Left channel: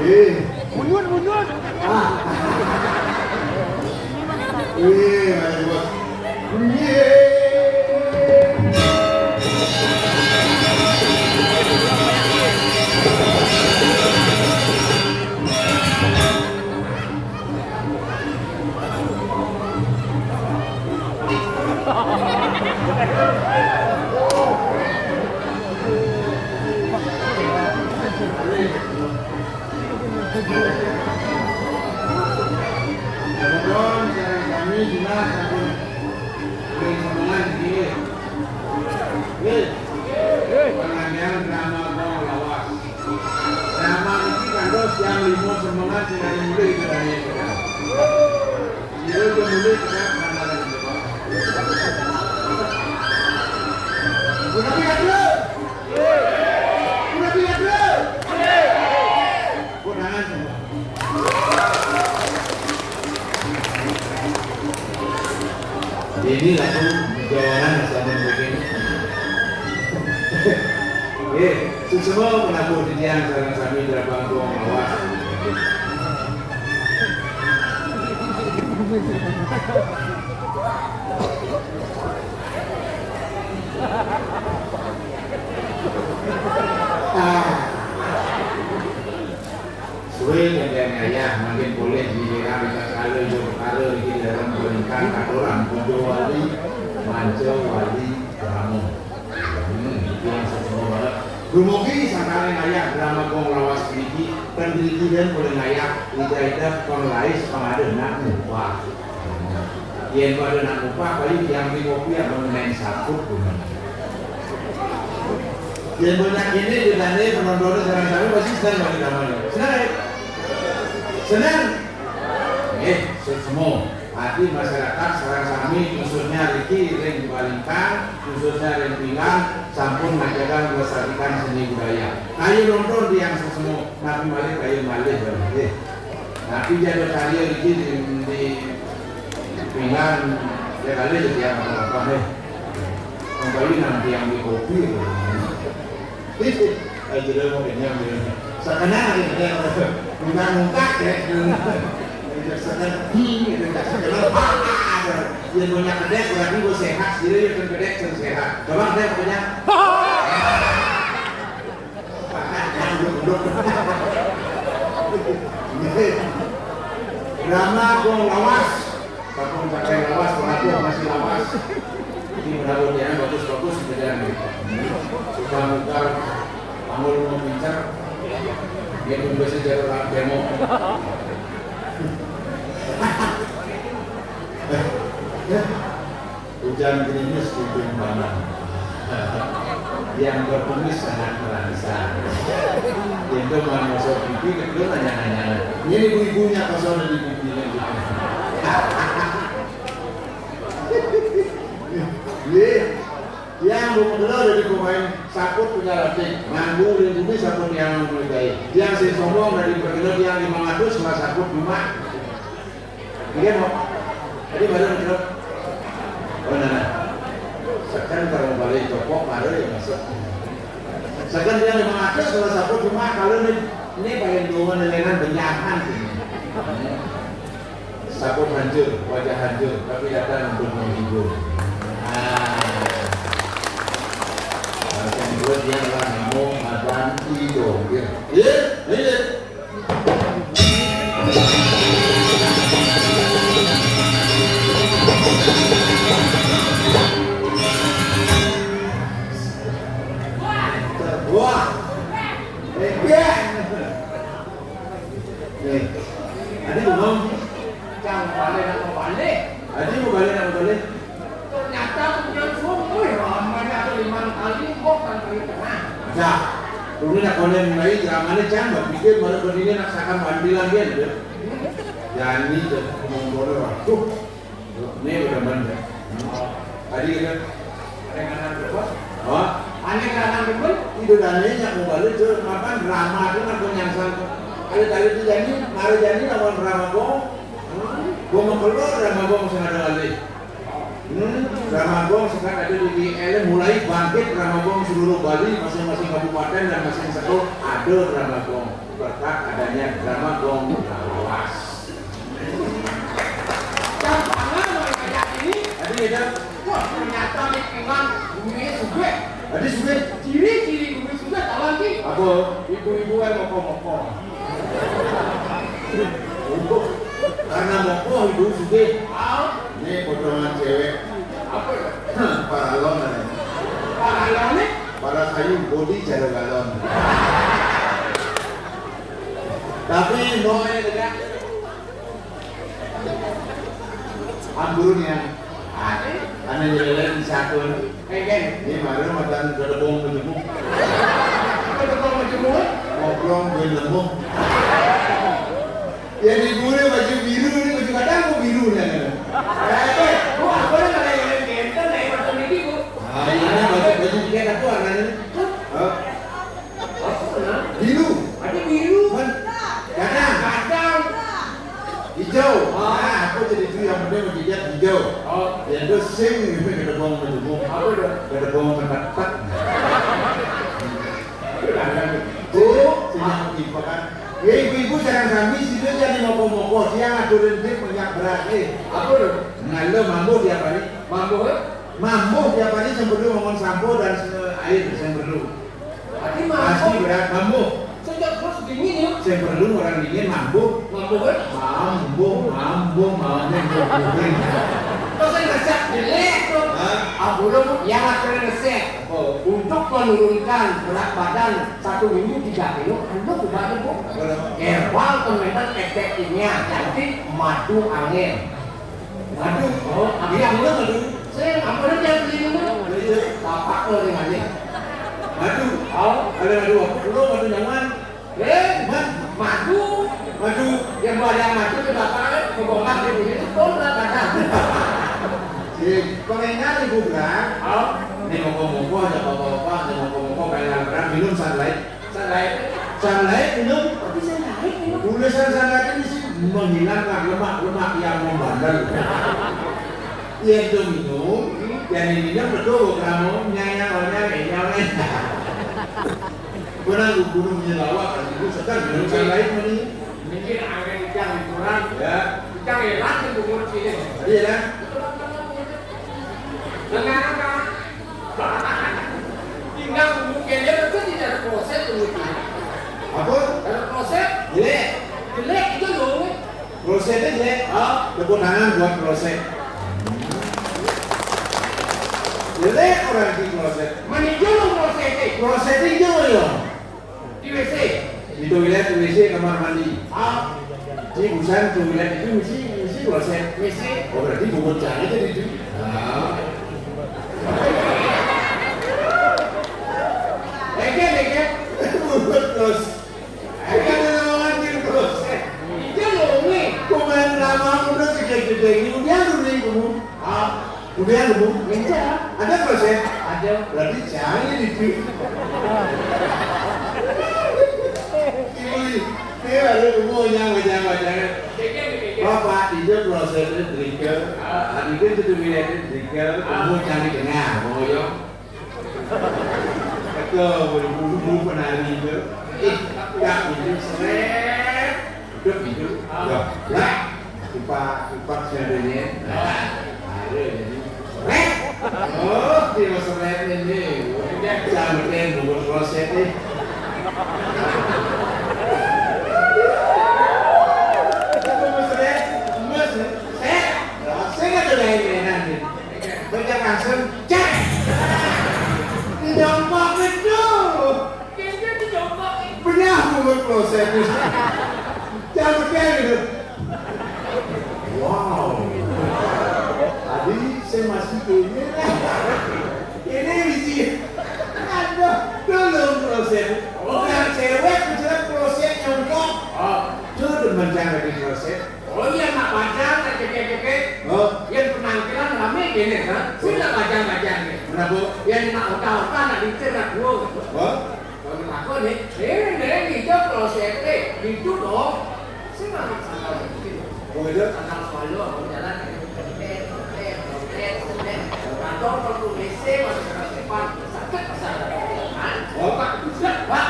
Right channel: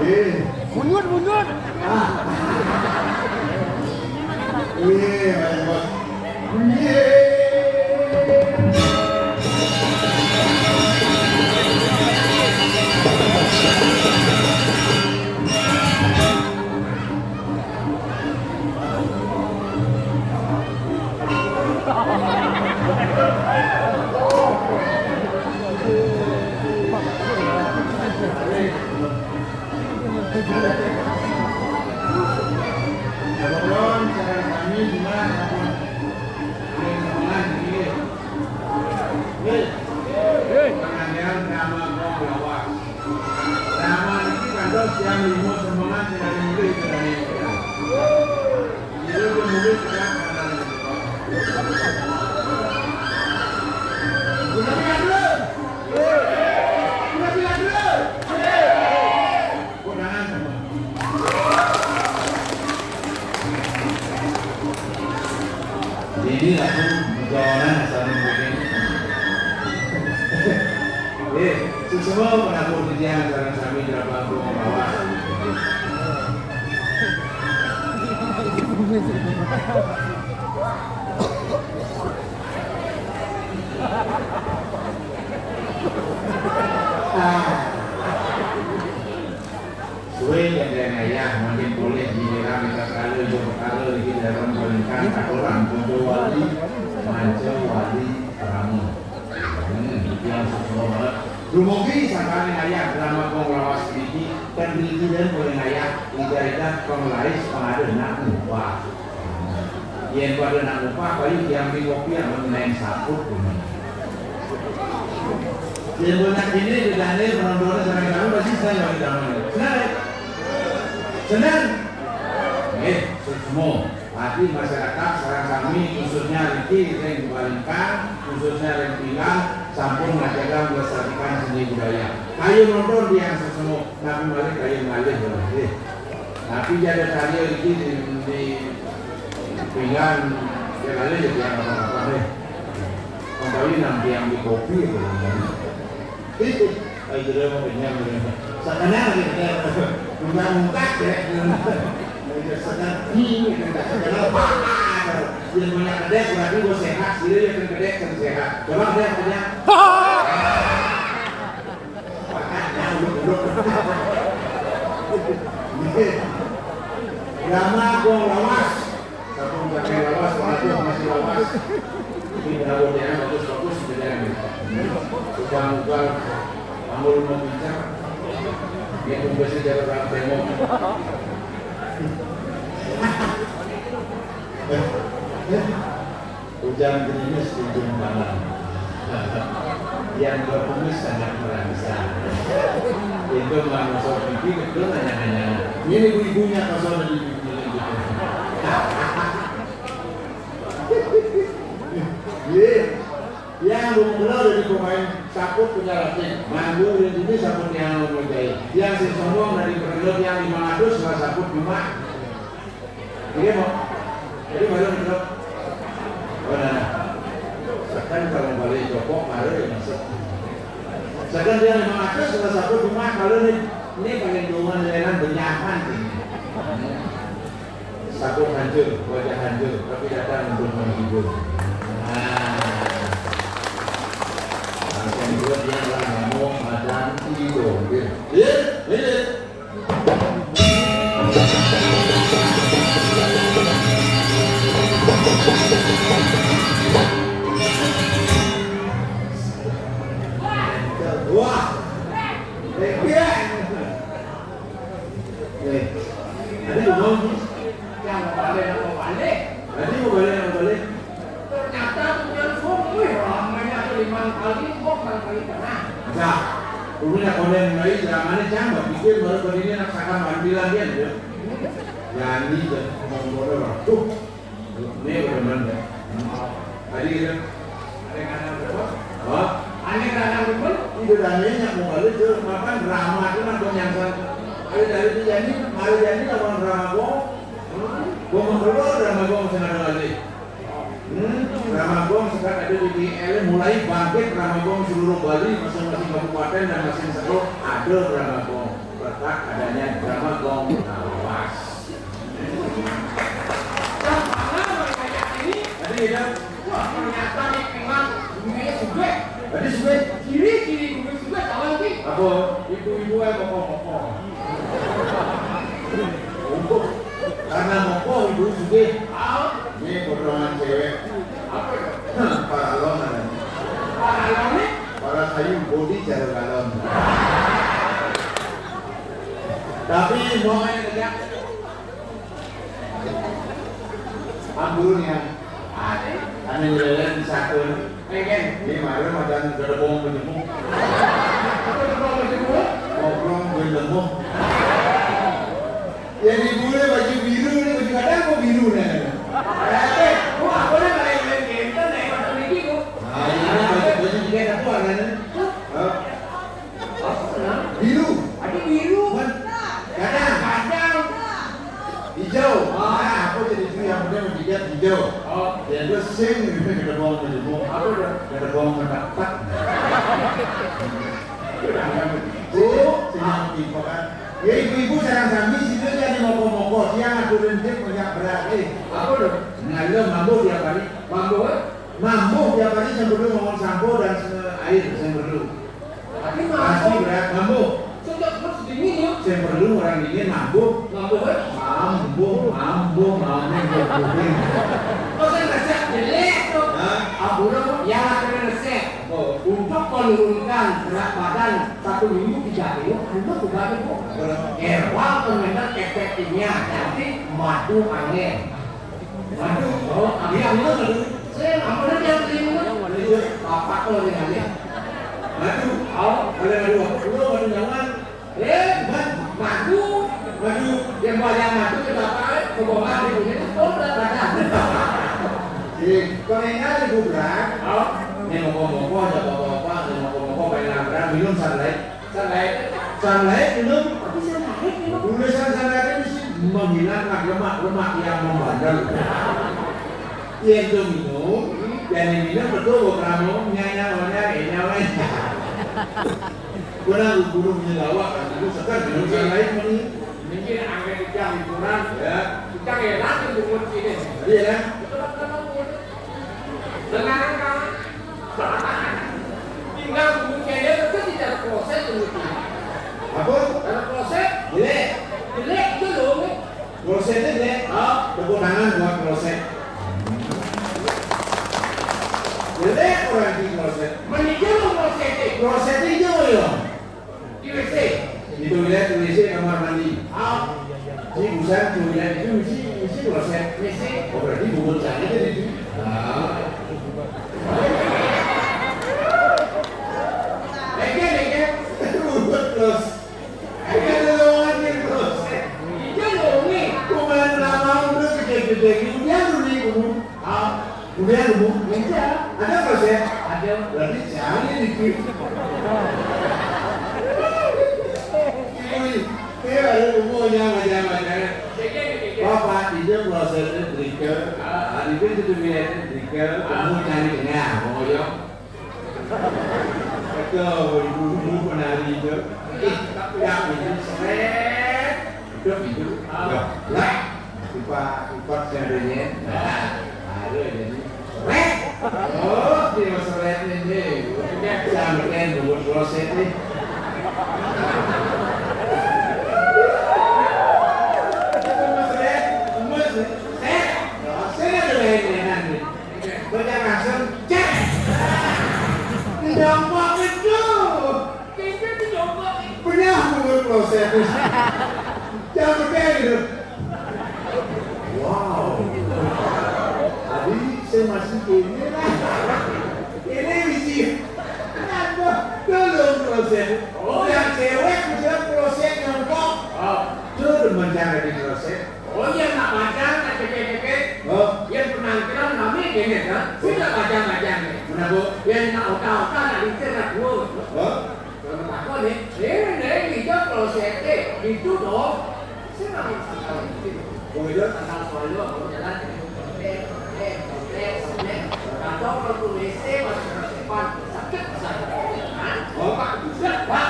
Mundur. Ini langsung jawaban sama mungkin. Semua mengaku dia sekarang kami berapa gong lawas. Suwe yang ayah makin boleh dilihat kita kalau di dalam pernikahan ada orang Ponjo Wali, Manco Wali, Ramo. Itu yang semua banget. Dumugi sakali ayah drama kong lawas biji kan biji dan boleh ayah ida kong lais pengadu nak upah. Yang pada nak upah paling yang di kopi yang mengenai sabut. Yang banyak ini ditanya penontonnya sekarang pasti senang bagi namanya. Senang. Semua hati masyarakat sekarang kami khususnya Riki yang dibalikan khususnya yang bilang sampun menjaga melestarikan seni budaya. Kayu nonton yang semua nabi malik kayu malik tapi jadi karya Riki di pinggang ya kali jadi yang apa deh kembali nanti yang di kopi itu kayu jadi mau yang sekarang kita muka ya sedih, tak segala apa. Yang banyak kedek, berarti gue sehat. Jadi yang kedek yang sehat. Coba kedek punya. Drama gong lawas. Satu pakai lawas, satu masih lawas. Ini mudah-mudahan bagus-bagus kerjaan. Sudah muka, panggul mau bincang. Dia pun bisa jalan demo. Hujan gerimis ujung malam yang berkumis sangat merangsang itu manusia pipi kecil hanya ini ibu-ibunya kosong di pipi lagi yang belum dari pemain sakut punya latih manggung dan ini sakut yang menyukai yang si sombong dari pergilap yang 500 sama sakut cuma dia mau jadi baru menurut mana sekarang kalau balik copok baru ya masuk sekarang dia 500 sama sakut cuma kalau ini paling jauh nilainan benyakan sakut hancur wajah hancur tapi datang untuk menghibur buat dia orang ngomong ada tidur dia wah ada belum jangan balik ada yang balik ternyata langsung ramai atau 5 kali kok kali tengah nah kemudian kalau mulai zamannya jangan pikir baru berdiri naksakan mandi lagi ada jadi monggo waktu ini benar-benar tadi kita ada kanan berapa oh aneh kanan berapa itu dananya mau balik ke apa drama itu nak penyangsang ada dari itu jadi baru jadi lawan drama gua mau keluar drama gua sengaja lagi drama gua sekarang ada di GL mulai bangkit drama gua seluruh Bali masing-masing kabupaten dan masing-masing ada drama gua berkat adanya suge. Ini potongan cewek. Apa itu? Paralon ada. Paralon nih? Para kayu body cara galon. Tapi mau ini tidak. Amburnya. Ane jalan di satu. Ini malam ada gedebong gedebong. Gedebong gedebong? Ngobrol gedebong. Yang dibule baju biru ni baju kadang kok biru nih. Gua aku dah main game tu naik motor ni tu. Ini baju tiga satu warnanya. Biru. Ada biru. Kadang. Hijau. Aku jadi tu yang benda berjejak hijau. Yang tu sing ni gedebong gedebong. Apa tu? Gedebong gedebong. Siapa timpakan? Ya ibu jarang kami situ dia di moko-moko siang aku rentik banyak berat apa tu? Ngalah mambo tiap hari. Mambo tiap hari sebelum ngomong sampo dan air sebelum. Pasti berat mambo. Sejak terus dingin ya. Sebelum orang dingin mambo. Mambo. Kau saya rasa jelek tu. Abu lu yang akan resep untuk menurunkan berat badan 1 minggu 3 kilo. Anda sudah ada bu. Herbal komentar efektifnya nanti madu angin. Madu. Dia ambil madu. Saya ambil dia beli madu. Bapak tu dengan ni. Madu. Ada madu apa? Dulu madu nyaman. Madu. Yang banyak madu ke bapak kebongkar di bumi itu pun berat badan. Kalau ingat ibu berat, ni moko-moko ada bapak-bapak, ni moko-moko bailan berat minum sunlight minum. Tapi sunlight minum. Tulisan sunlight ini sih menghilangkan lemak-lemak yang membandel. Yang tu minum, yang minum betul kamu nyanyi. Kurang gunung menyelawak, itu sedang minum sunlight ini. Mungkin angin yang kurang, ya. Kita elak yang bungun sini. Iya kan? Dengan tinggal mungkinnya itu tidak proses penelitian. Apa? Kalau proses jelek itu dong. Prosesnya jelek. Kewenangan buat proses. Jelek orang di proses. Meninjau prosesnya hijau ya. Di WC. Di toilet WC kamar mandi. Di busan toilet itu mesti proses. WC. Oh berarti bukan cari jadi itu. Terus ada lowongan di terus dia lowongan kumain ramah udah gede-gede kemudian meja ada proses ada berarti jangan itu ini ada umumnya macam-macam bapak itu prosesnya trigger itu tulisannya trigger kamu cari tengah mau yo ke bulu penari itu tak itu seret udah itu lah kupat sebenarnya ada jadi seret dia seret ini jangan buat proses ni saya ada lain-lainan ni banyak langsung cek jambak betul kayaknya tu jambak pernah buat proses jangan gitu wow tadi saya masih ini biji ada belum proses yang cewek bicara proses yang kok tu mencari di proses yang nak baca kekek yang penampilan rame gini kan sila baca ni kenapa yang nak otak nak diterap dulu kalau aku ni kita proses itu dong saya nak sangkau itu sangkau selalu aku jalan kalau perlu WC masuk ke depan sakit pasal Pak bisa Pak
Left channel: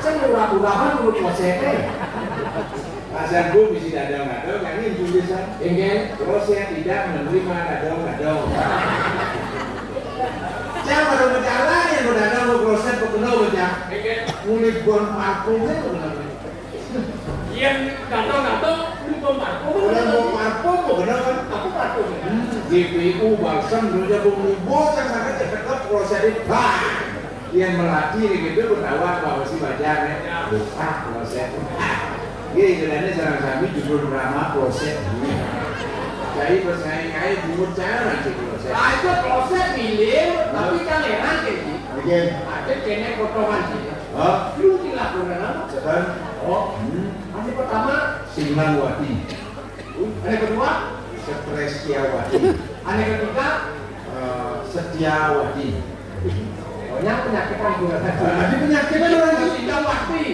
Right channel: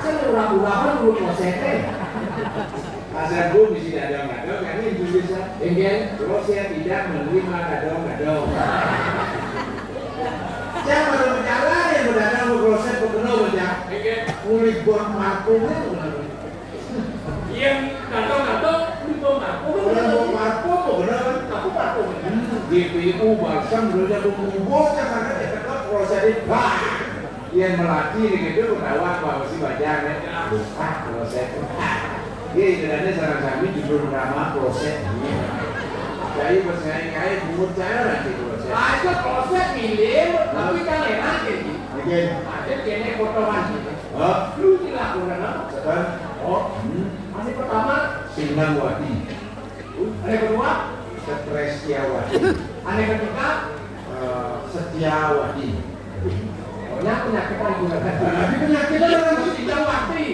saya murah-murahan dulu proses Azan pun mesti dadong-dadong, yang ini tulisan terus saya tidak menerima dadong-dadong jangan baru berjalan yang berdadong berproses berpenuh macam mulai buang parfumnya yang dadong-dadong bom parfum bener. Aku parfum. GPU balsam dulunya bumbu yang mana tetap proses yang melatih gitu berdakwah bahwa si bajarnya buka proses. Iya istilahnya cara kami judul drama proses. Jadi bersaing-saing timur cara nanti proses. Ada proses milir tapi kan enak jadi. Oke. Ada kene potongan sih. Oh, lu dilakukan apa? Sekarang. Oh. Ini pertama Sinmanwati. Yang kedua Setresiawati. Yang ketiga Setiawati. Pokoknya penyakitan juga kan. Tapi penyakitnya orang Setiawati.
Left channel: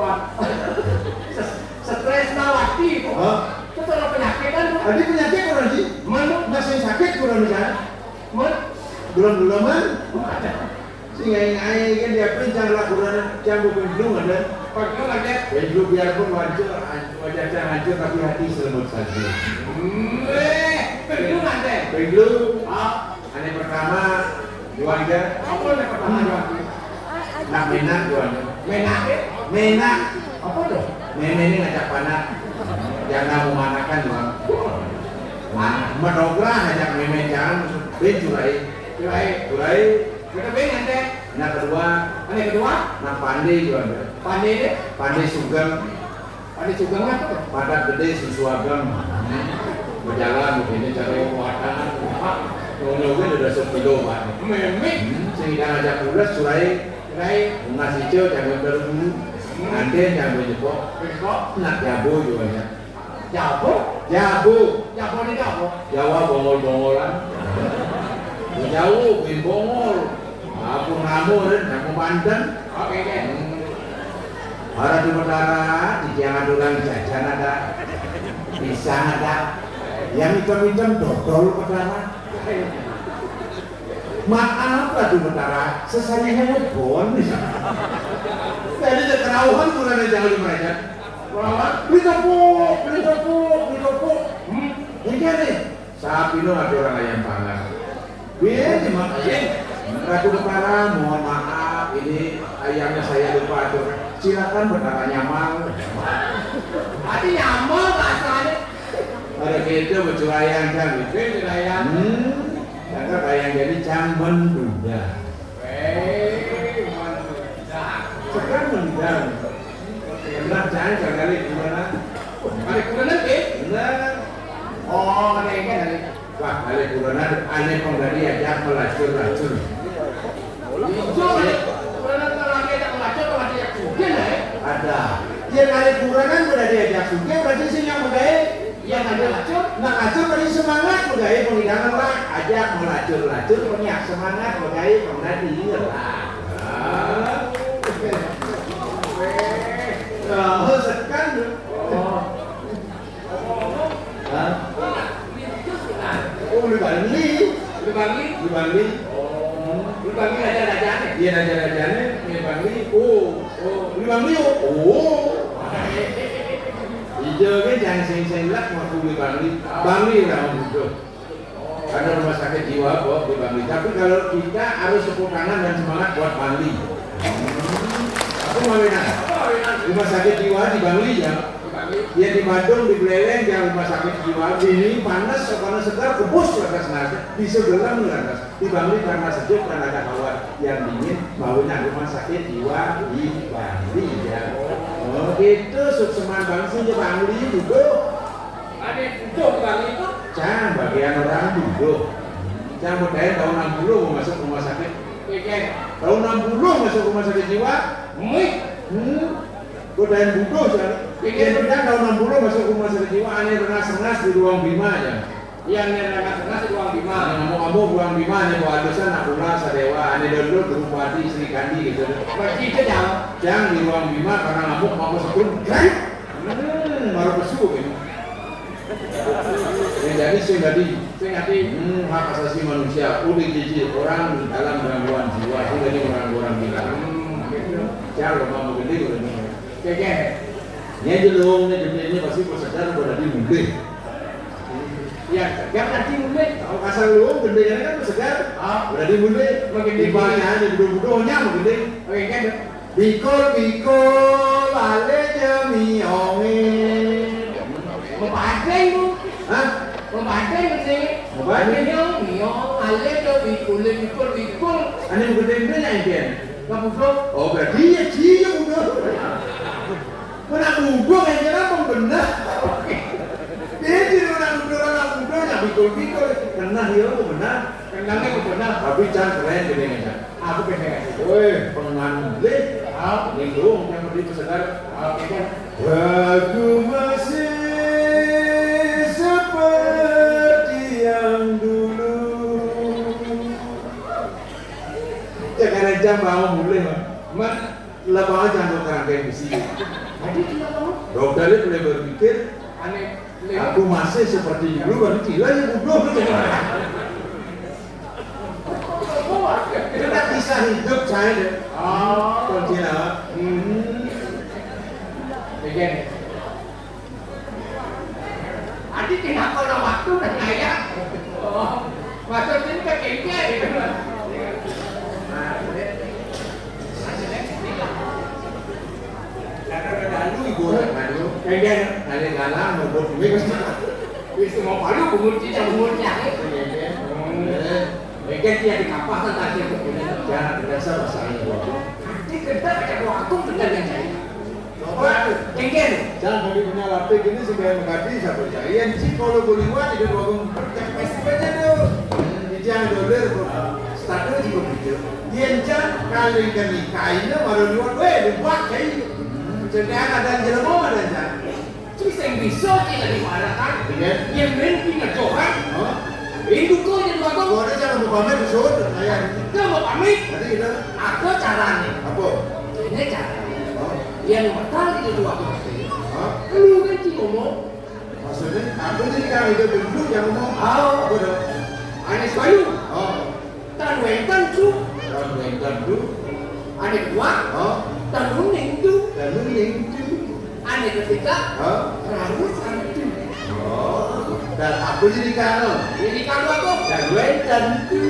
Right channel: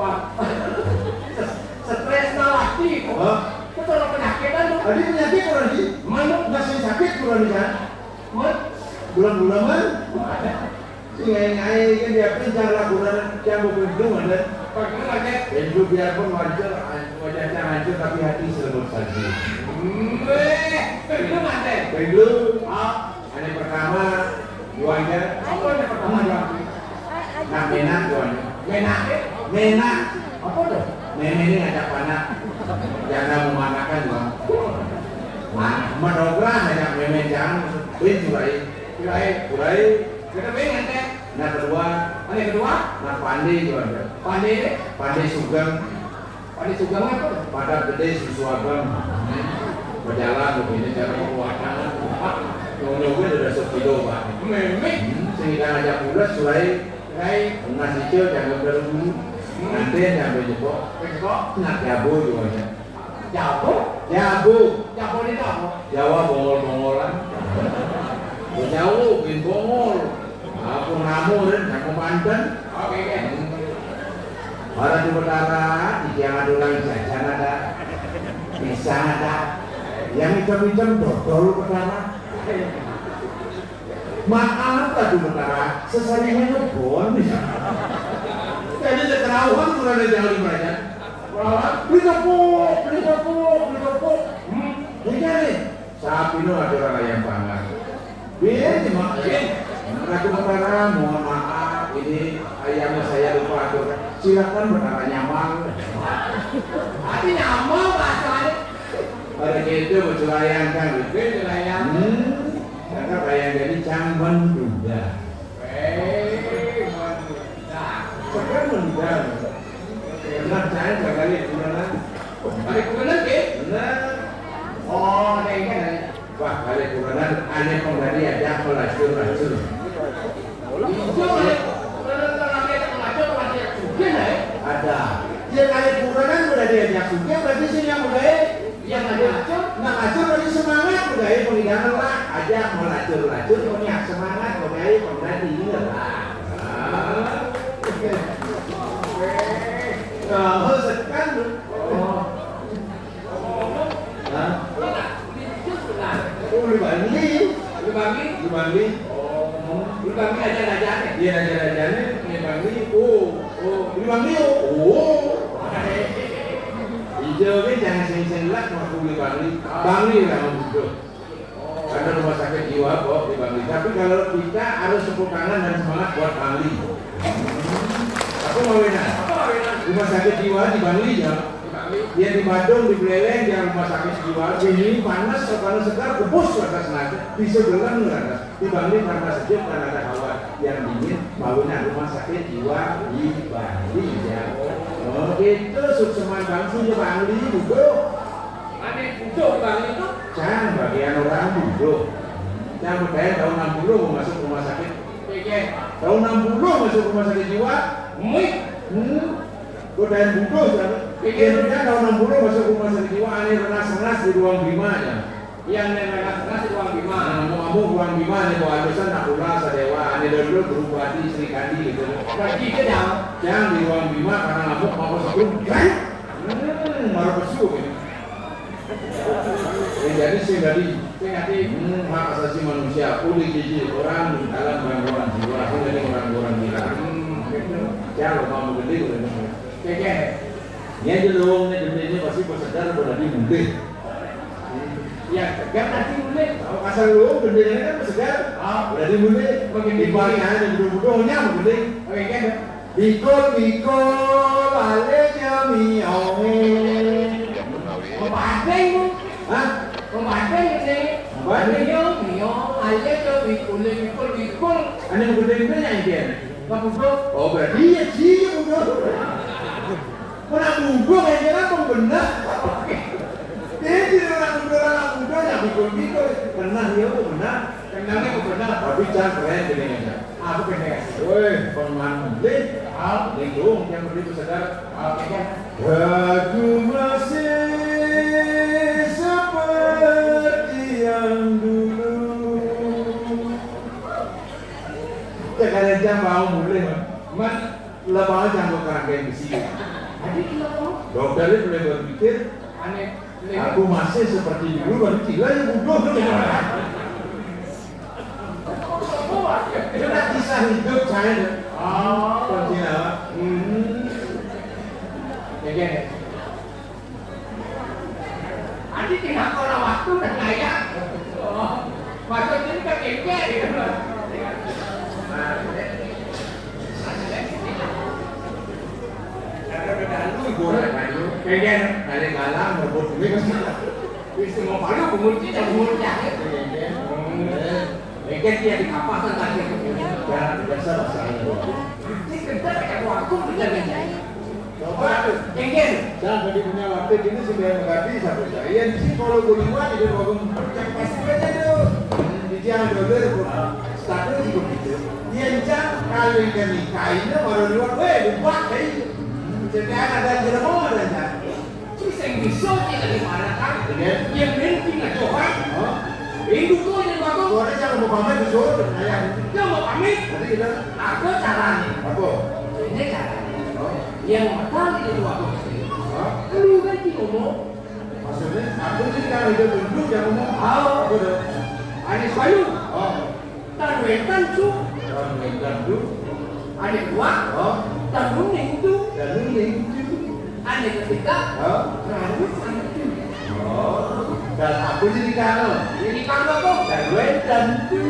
Wah. Stresnawati. Oh. Itu kalau penyakitan. Tadi penyakit orang sih. Mana nggak sakit kurang bisa. Bulan-bulan. Singai-ngai kan dia pencang lakukan campur bendung ada. Pakai aja. Bendung biarpun wajahnya hancur tapi hati selembut saja. Bendung ada. Bendung. Yang pertama jualnya. Apa yang pertama jualnya? Nak menak jualnya. Menak. Apa tuh? Nenek ini ngajak panak. Jangan memanakan bang. Mendobrak ngajak memen jangan. Ben jurai. Kita pengen teh. Yang kedua, nak pandai juga. Pandai sugeng. Pandai sugeng apa tuh? Padat gede susuageng. Berjalan begini cara kekuatan. Ngomongnya udah sepuluh pak. Sehingga ngajak ulas surai ngasih cil jangan berdua. Nanti yang berjebok. Nak jabu juga. Jabu ini apa? Jawa bongol-bongolan. Jauh, bin bongol. Aku ngamu dan aku mantan. Oke. Orang di utara, di jangan orang jajan ada, pisang ada, yang hitam-hitam dodol utara. Maaf lah di utara, sesarinya bon. Jadi kerawang kurang jauh di mereka. Beli tepuk. Ini nih, sapi itu ada orang ayam panggang. Biar cuma aku kepala, mohon maaf, ini ayamnya saya lupa atur. Silakan berkata nyamal. Ada nyamal asalnya. Ada gitu bercelayan kan, bercelayan. Kakak ayam jadi camban juga. Sekarang meninggal. Benar jangan kali kurenan. Kali kurenan ke? Benar. Oh, ada yang kali. Wah, kali kurenan aneh kong tadi ajak melacur-lacur. Ada. Dia kali kurenan sudah diajak sudah berarti sih yang bergaya. Yang ada lacur, nak lacur berarti semangat bergaya penghidangan lah. Ajak melacur-lacur punya semangat bergaya kong tadi lah. Oh, sekan tu. Oh, Libangli. Libangli raja-rajanya. Dia raja-rajanya, Libangli. Oh, Libangli. Oh. Hijau kan jangan sing-sing lak waktu Libangli. Bangli lah begitu. Ada rumah sakit jiwa kok di Bangli. Tapi kalau kita harus tepuk tangan dan semangat buat Bangli. Aku mau rumah sakit jiwa di Bangli ya. Dia di Bandung di Beleleng yang rumah sakit jiwa ini panas segar kebus atas nasi di sebelah atas di Bangli karena sejuk karena ada hawa yang dingin bangunan rumah sakit jiwa di Bangli ya. Oh itu sukseman bangsa di Bangli juga. Ada itu Bangli itu? Jangan bagian orang juga. Jangan berdaya tahun 60 masuk rumah sakit. Tahun 60 masuk rumah sakit jiwa. Godain budo jangan. Pikir tahun 60 masuk rumah sakit jiwa aneh rengas-rengas di ruang bima aja. Yang rengas-rengas di ruang bima. Ngomong-ngomong ruang bima nih bawa dosan nak ulas sadewa aneh dulu Drupadi Sri Kandi gitu. Berarti itu jangan di ruang bima karena ngamuk mau sebelum kan. Baru besu gitu. Jadi sing tadi hak asasi manusia uli jiji orang di dalam gangguan jiwa sing tadi orang-orang gila. Jangan mau gede udah nih. Kayak ini dulu, ini pasti kau sadar kau nanti mungkin. Ya, yang nanti mungkin. Kalau asal lu gendenya kan segar. Berarti mungkin. Makin di bawah ada budo-budonya mungkin. Oke kan? Bikol ale jami ongi. Pembantai ni. Apa? Niyo, ayah tu bikul. Ane gede yang dia. Kamu bro? Oh berarti dia udah. Mana muda yang jangan benar. Dia tidak orang muda yang bikul. Benar dia benar. Kenangnya benar. Tapi jangan keren bedanya. Aku pendek. Woi, pemandai. Lindung yang beri kesedar. Aku masih seperti yang dulu. Ya karena jam bau mulai. Mak lapangan jangan kerangka besi. Jadi kita tahu. Dokter itu boleh berpikir. Aneh. Aku masih seperti dulu. Kalau tidak ya bodoh. Itu kisah hidup saya. Kunci apa? Begini. Adik kenapa orang waktu dan gaya? Masuk sini ke kengke gitu. Pengen ada galang berbut ini bisa mau palu pengunci dan pengunci. Pengen dia di kapal tadi itu. Jangan biasa saya. Ini kerja pada waktu benar-benar. Coba pengen. Jangan bagi punya waktu gini supaya mengerti satu carian sih kalau boleh di waktu percaya saja tuh. Jangan doler status juga gitu. Dia jangan kalau yang nikah ini baru lihat, buat kayak jadi ada jelema ada jangan. Terus yang bisa tidak dimarakan, yang penting itu kan. Itu kau di waktu. Kau jangan mau pamit besok, saya. Kau mau pamit? Tadi kita. Aku caranya. Apa? Ini cara. Yang pertama itu waktu. Lu kan sih ngomong. Maksudnya, aku sih kalau hidup duduk jangan ngomong. Apa dong? Anies Bayu. Dan Wentan tu. Ada dua. Dan Nuning tu. Ada ketiga. Lalu satu. Dan aku jadi kalau. Jadi kalau aku. Dan Wentan tu.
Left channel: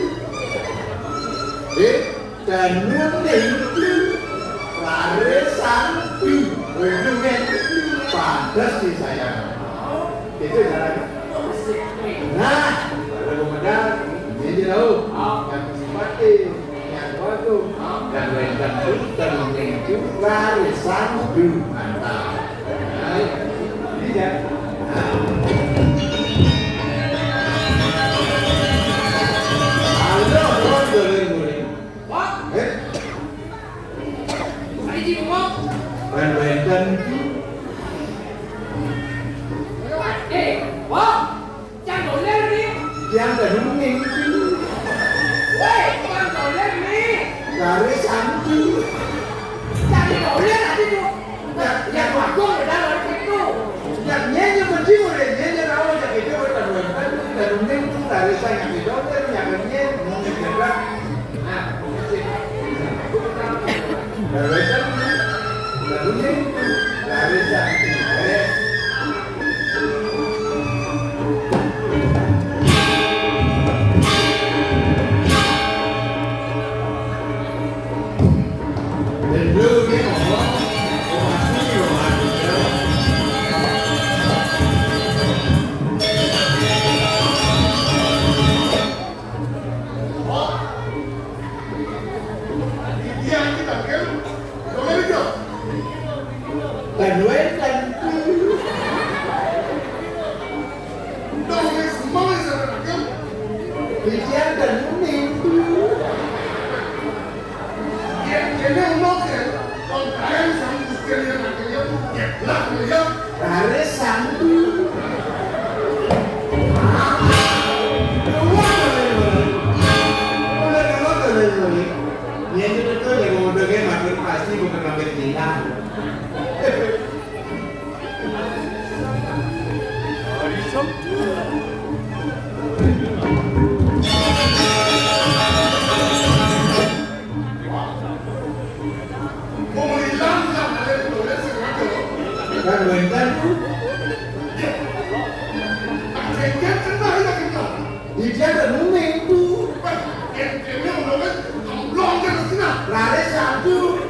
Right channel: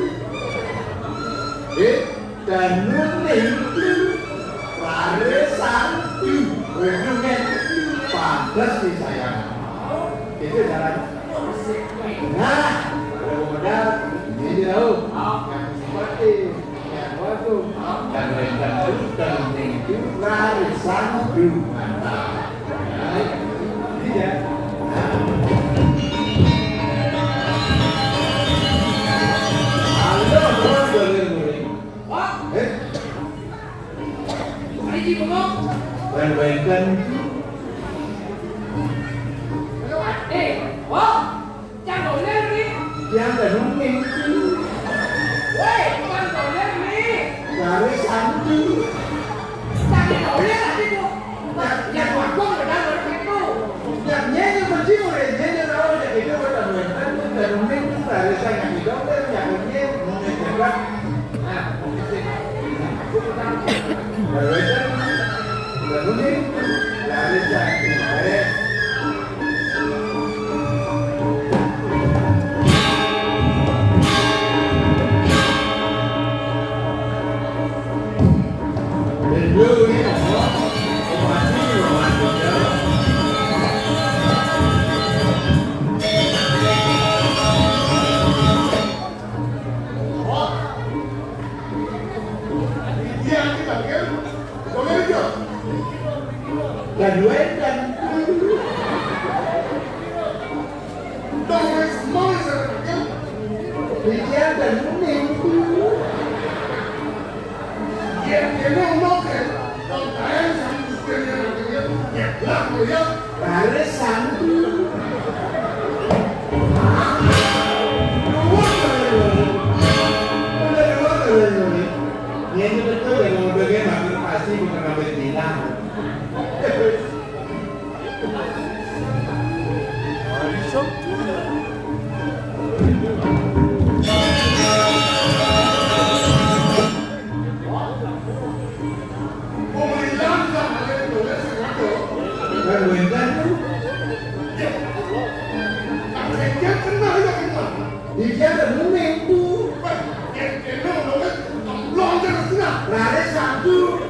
Dan Nuning tu. Lalu satu. Wentan tu. Pantas sih sayang. Itu caranya. Nah. Kemudian ini tahu yang simpati, yang waktu, dan rendah itu dan itu larisan dulu mantap. Ini ya. Anda orang boleh. Wah. Hari ini ngomong. Dan rendah itu. Wah. Jangan boleh ni. Jangan Nuning itu. Weh, jangan boleh ni. Larisan dulu. Jangan boleh tadi tu. Yang aku dah itu. Yang nyanyi kunci boleh nyanyi tahu yang itu bukan Wentan itu dan Nuning itu larisan yang itu yang nyanyi juga. Nah, dan Wentan dan Nuning larisan. Dan Wentan Bijian dan Nuning larisan dulu. Ini betul ya kalau udah makin pasti bukan ngambil tinggal. Dan Wentan dia dan Nuning itu lari satu.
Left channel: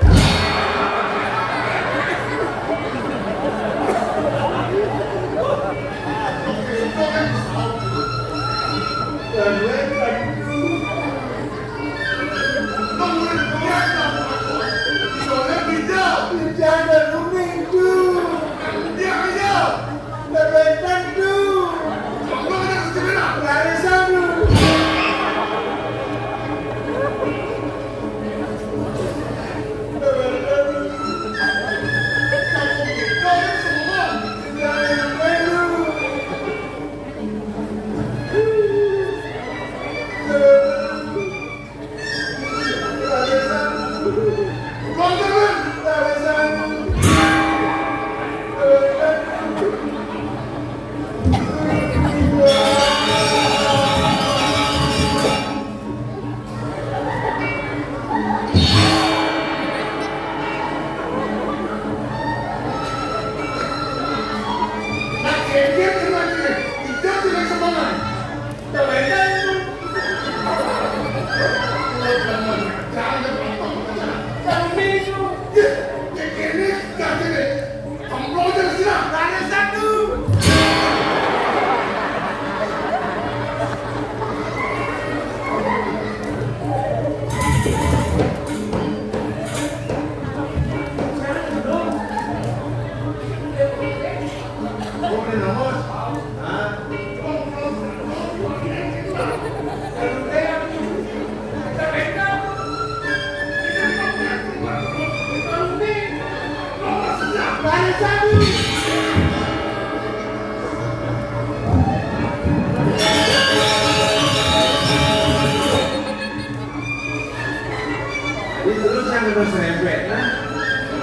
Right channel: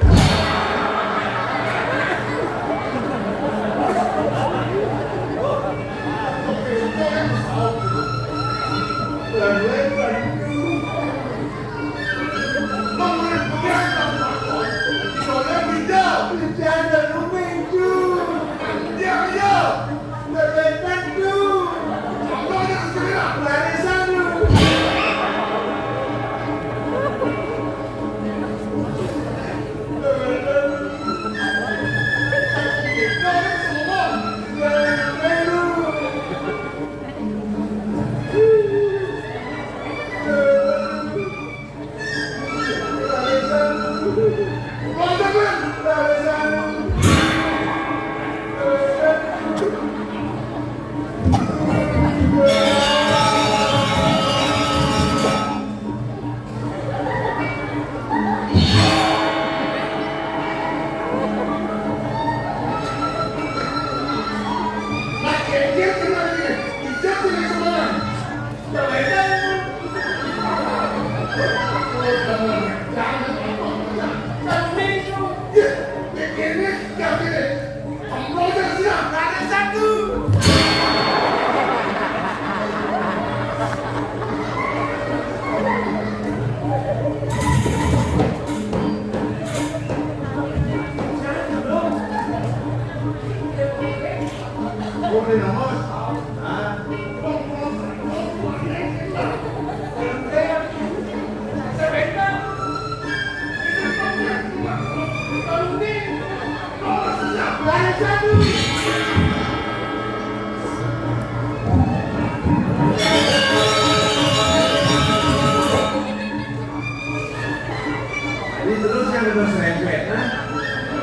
terus rempet,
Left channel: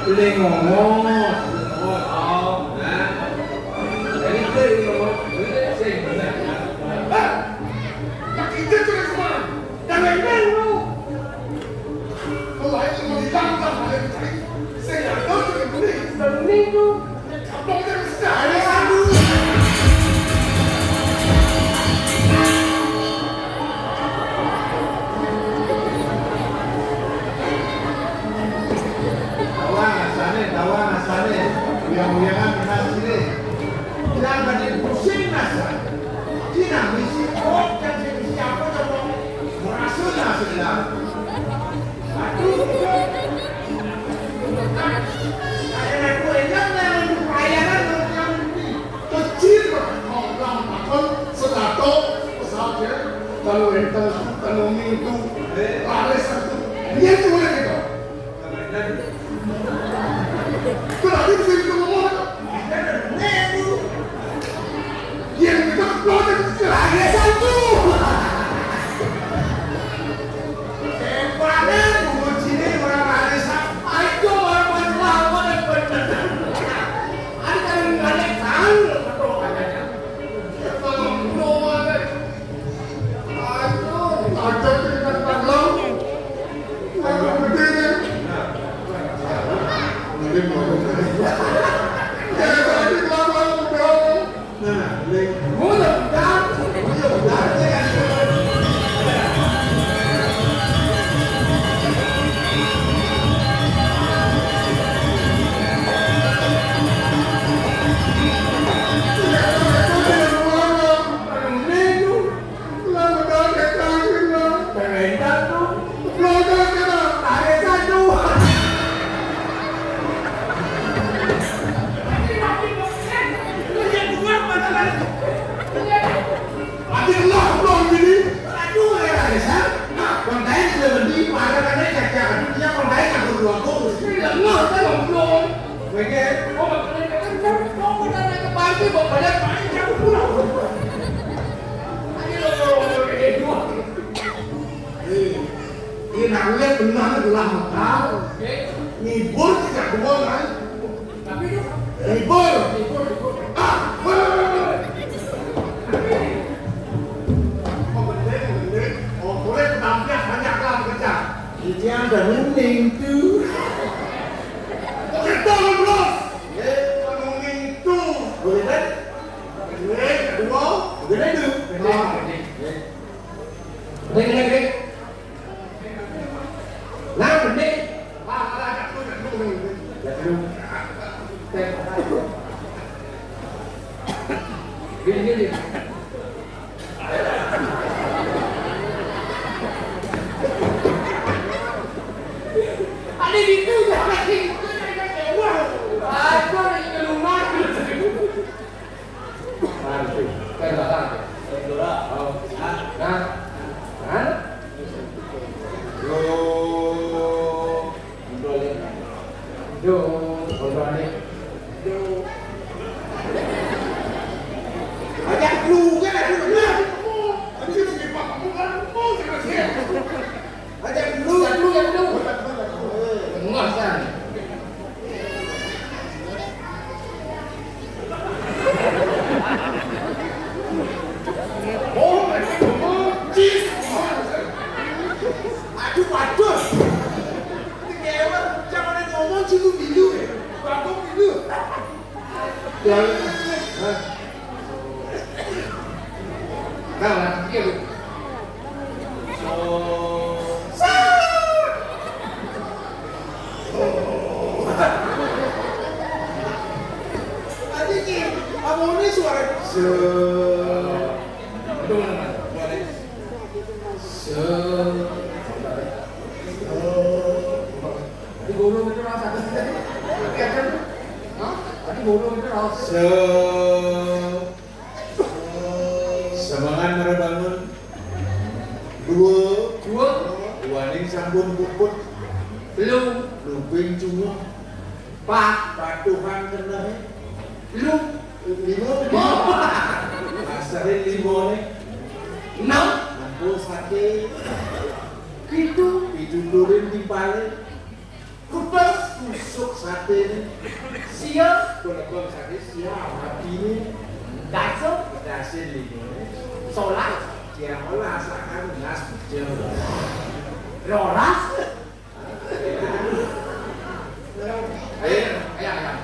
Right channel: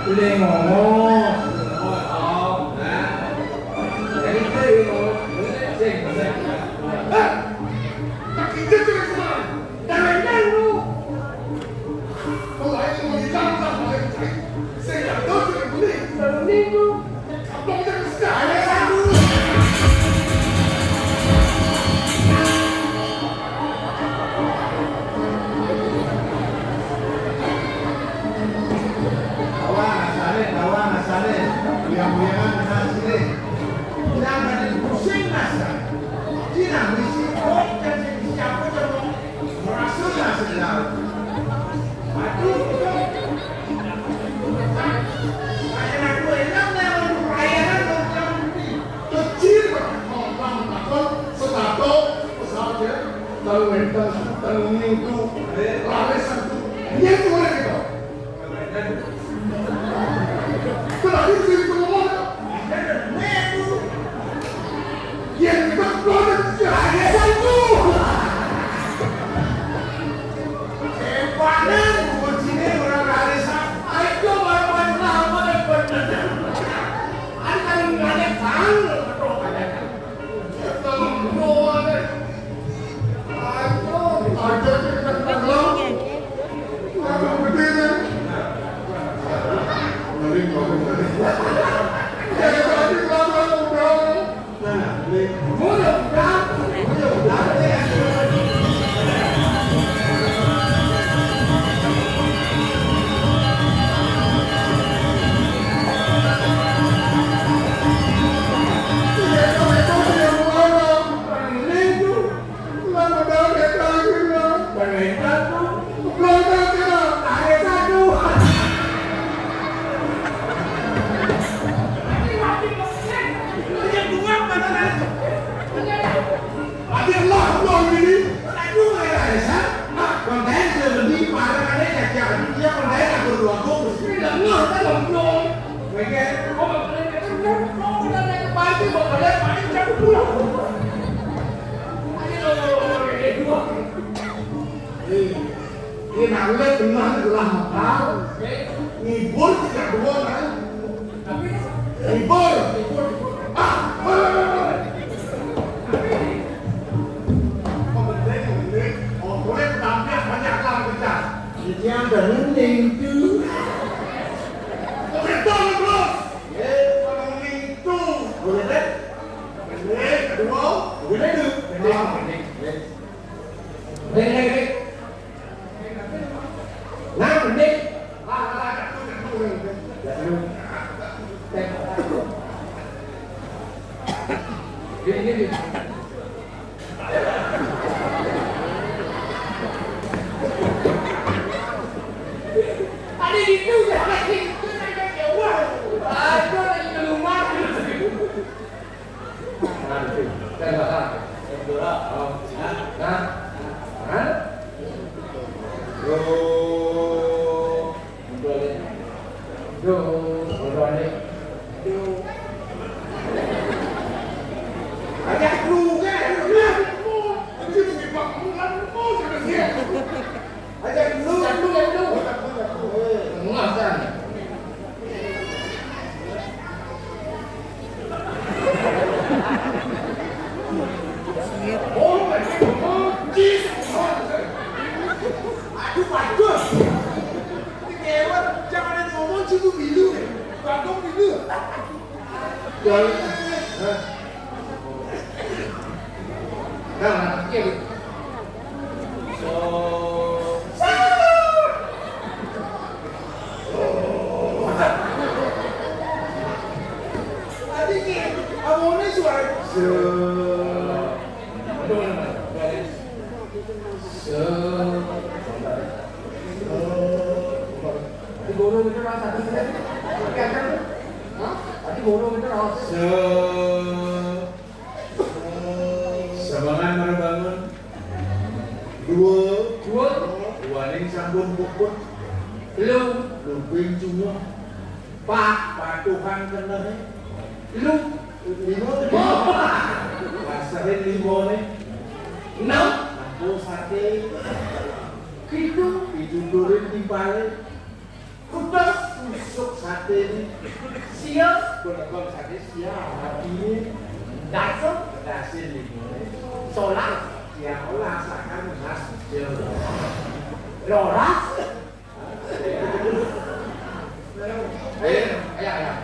boleh ngomong. Jadi itu sing bener. Tak kita terus kemana? Jangan dulu. Kalau ini mau ditangkap oleh saya nggak tahu terus boleh. Minggu. Kamu terus dah. Ada satu. Kawan asalnya, biar-biaran kita sini. Jangan dipusing nasa. Tidak misi dan siapa coba merasulah segala. Aduh, saya aku enak yang pelayanan Kecil orang makan setato saja. Kalau kita kalau minggu lari satu, dia tu orang itu. Berarti sih semua. Yang kita pelajari sejarah satu. Kepanan kucine orang arisa. Aku orang lama benar. Ada kali ngale kang atau katanya. Kalau ada, ada kita belum. Begini. Nanti mau. Jangan sampai kelabang bro. Nah, boleh. Mudah dah. Ini nangga benar adalah makal. Ngibur tidak bohong kan? Ngibur. Ah, mending. Oh, boleh tampil banyak lah kerja. Yang bening tu. Kita belum. Kalau itu boleh deh. Boleh, kedua. Boleh tu. Dek. Nah, mending. Gini. Ada di tu lagi. Aku nak ke rumah. Nanti. Saya datang. Oh. Nah. Hah? Yo. Ajak lu kan ada lu. Aku mesti pakai mau terus ya. Ajak lu. Enggak kan? Aduh pados. Ini kewan jangan ngomong cilu bilu. Bagong bilu. Kau nak kira. Abangnya suara. Di guru itu rasa satu kita. Di guru itu rasa. Semangat merebangun. Dua ning sambung bubuk. Luping cuma. Patuhan kena. Lima. Asalnya lima ni. 6 Aku sate. Itu durin timpale. kudas tusuk sate Sia, golek sate siap tapi dasar, dasar lingkungan solar, yang olah sakan nas kecil loras. ayah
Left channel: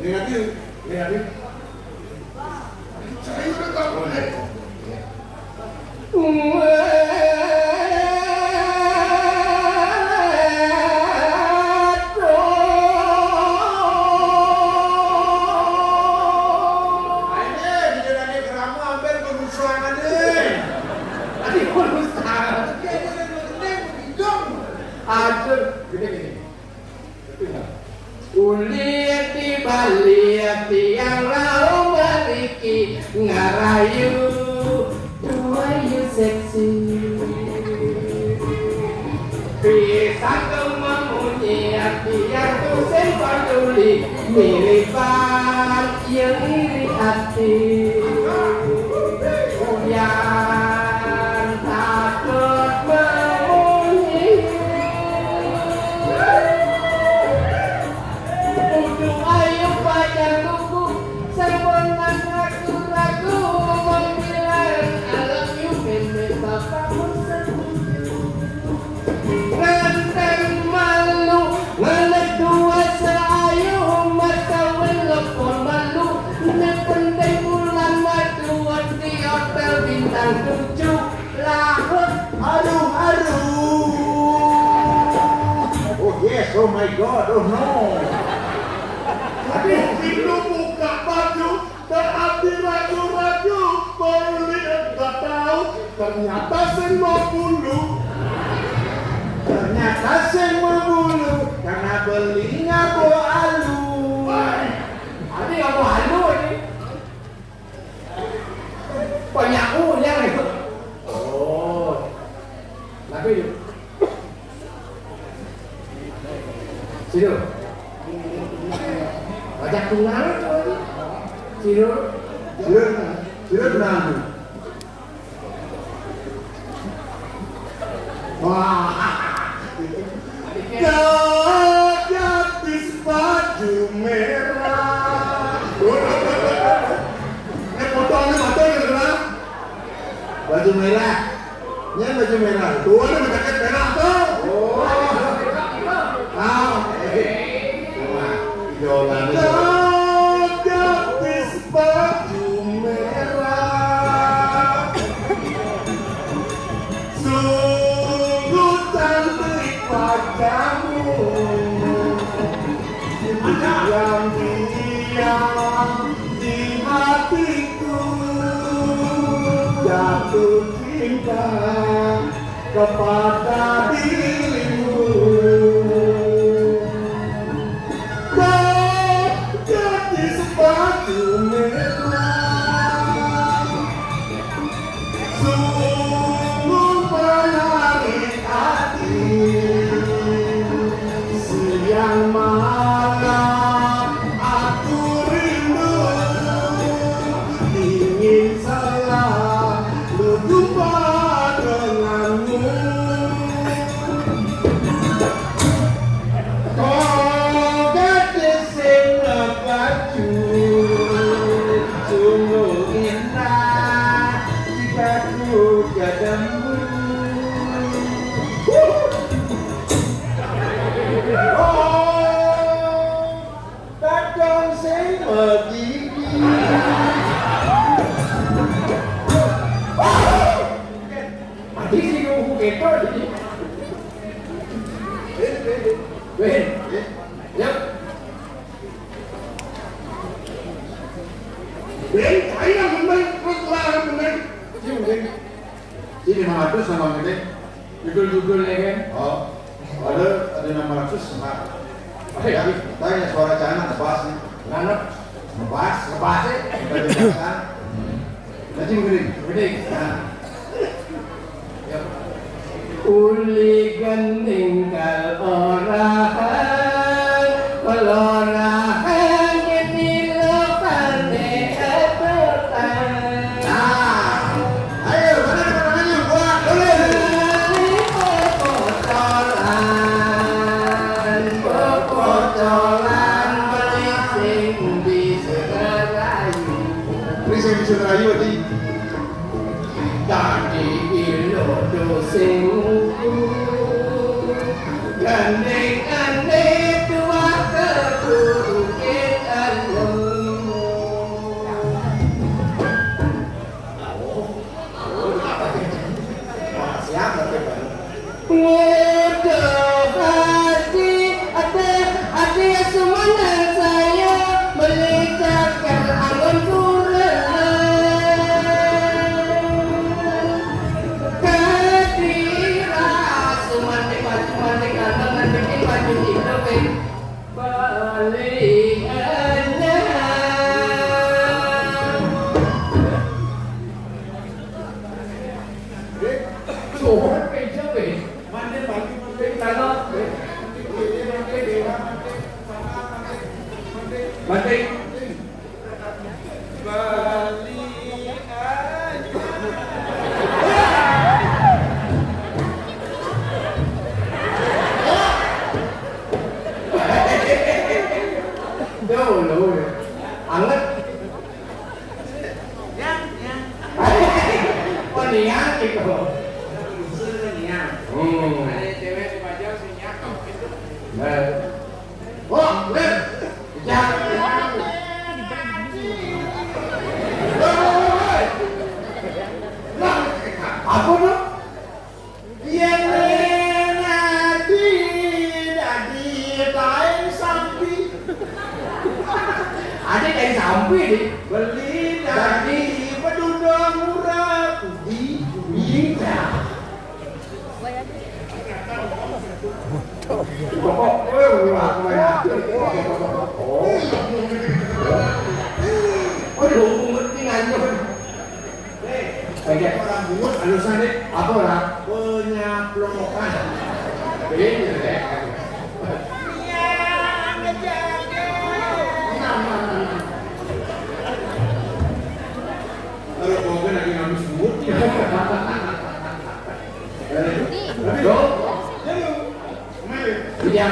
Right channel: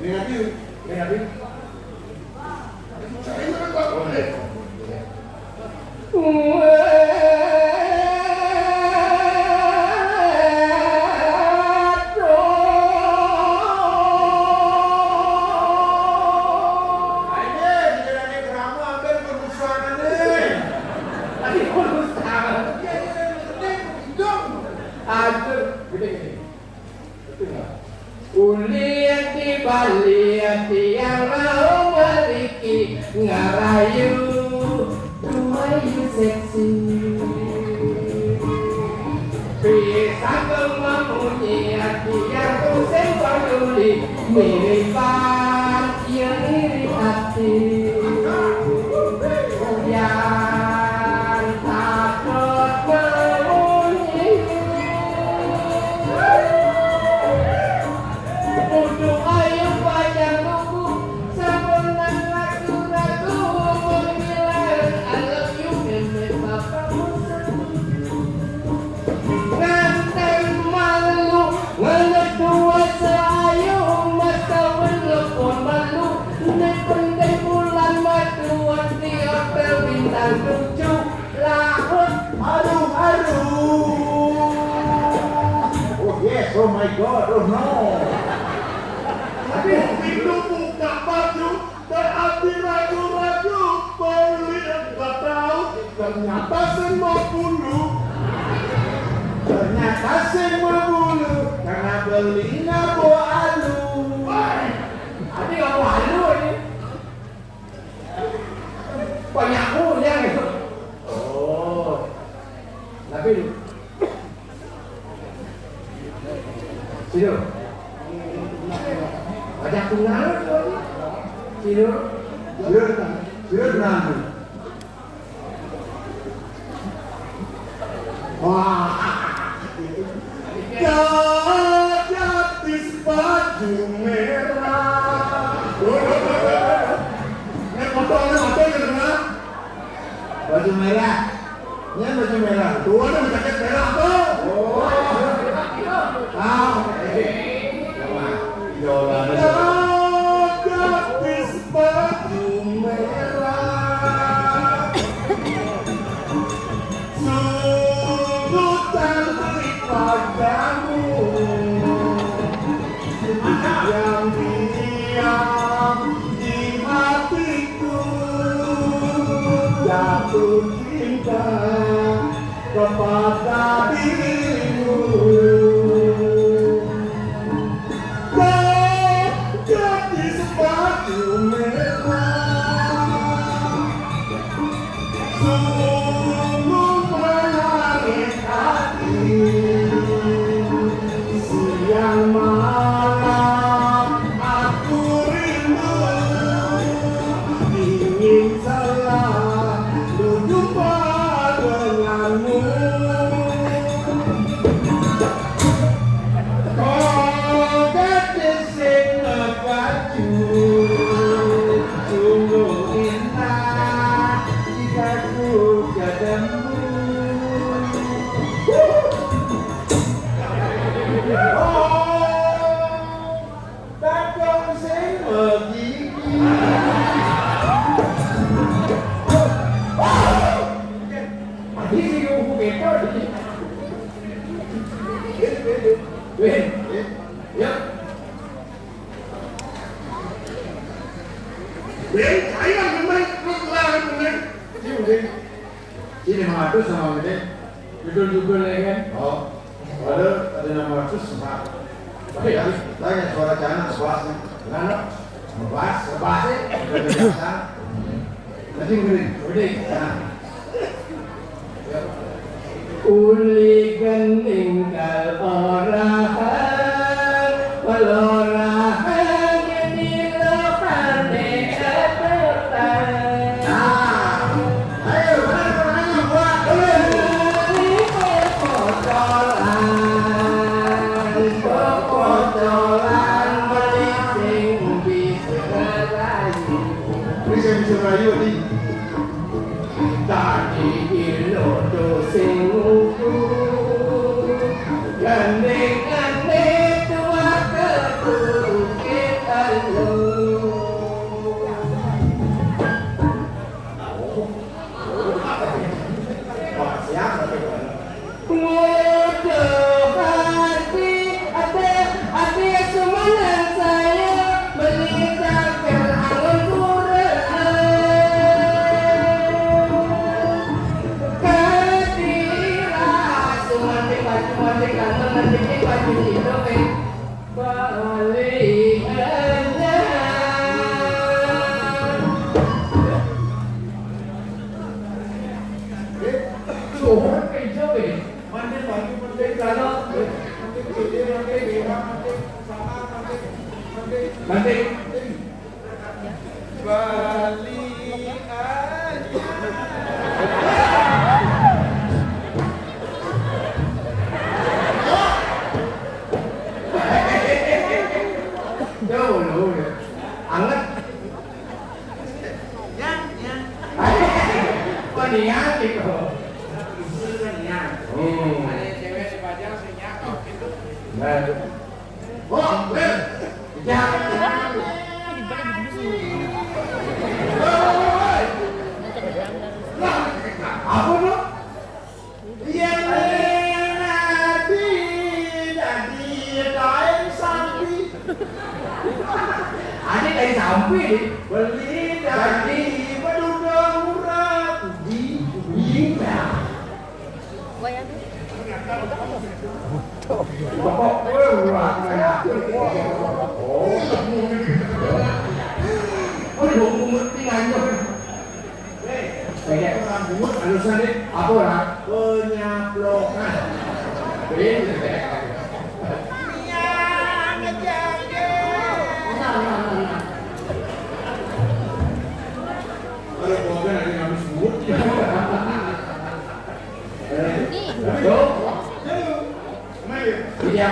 negatif Saya udah tak boleh. Ulir di balik tiang lau mariki ngarayu tuayu seksi pisang kememunyi tiang tu sempang tuli miripan yang iri hati yang takut memunyi Udu ayu panjang lugu Sabonan ragu-ragu Menghilang I love you Meme bapakmu Nganteng malu Ngelek dua seayu Mata welok pun malu Nependek bulan madu Di hotel bintang 7 Lahut aduh oh yes oh my god oh no Tapi itu buka baju dan hati ragu-ragu beli enggak tahu ternyata semua bulu. ternyata semua bulu karena beli ngabu alu Adi apa halu ini? Banyak punya nih. Oh, tapi itu. Sido. Banyak tunggal. Sido. sudah nanti Wah, gadis baju merah. Ini fotonya kan? baju merah ini baju merah Tuh, ini jaket merah tuh. oh Yolanda Gadis baju merah, sungguh cantik padamu, yang diam di hatiku, jatuh cinta kepada dirimu. Gadis baju merah, sungguh menarik hati. Siang malam aku rindu, ingin selalu jumpa denganmu. Oh, gadis sing baju sungguh indah jika ku ketemu. Oh, takon sing begini. Adi sih kuku ketor. Weh, ya. Saya memang lawan dengan ini 500 sama gede Judul-judul ya kan. oh ada 500 sama tanya suara canan kelas nih Nanap, ngepas ngebahasnya. udah dijelasan jadi gede Gede. nah Uli gending kal orahan, pelorahan yang dilakukan etetan. ayo mana gua Kali kotoran, Banting. Bali aja. Dulu. Anget. Yang. Oh niat itu. Yang. Ada cewek di Bajau sih nyakau gitu. Nah. Oh, bener. Jangan. Apa tuh? Yang nanti dadi kain sapi. Ada kayak sampai nih. Beli dadi pedudung murah di Bintang. Oh, ngerti aja. Kayak orang bungut alusan deh. Apa orang? Penyaplokan. Yang ngejaga. Kalau bawa lagi habis bungut. Iya.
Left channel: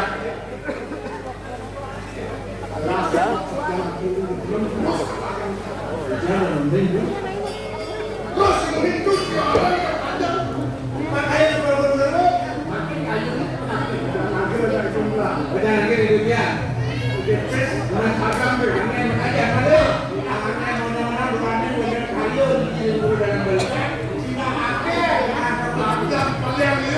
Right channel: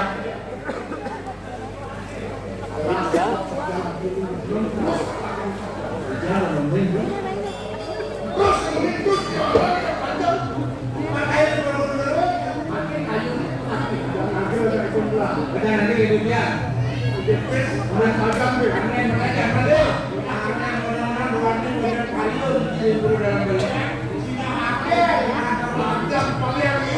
Yang paling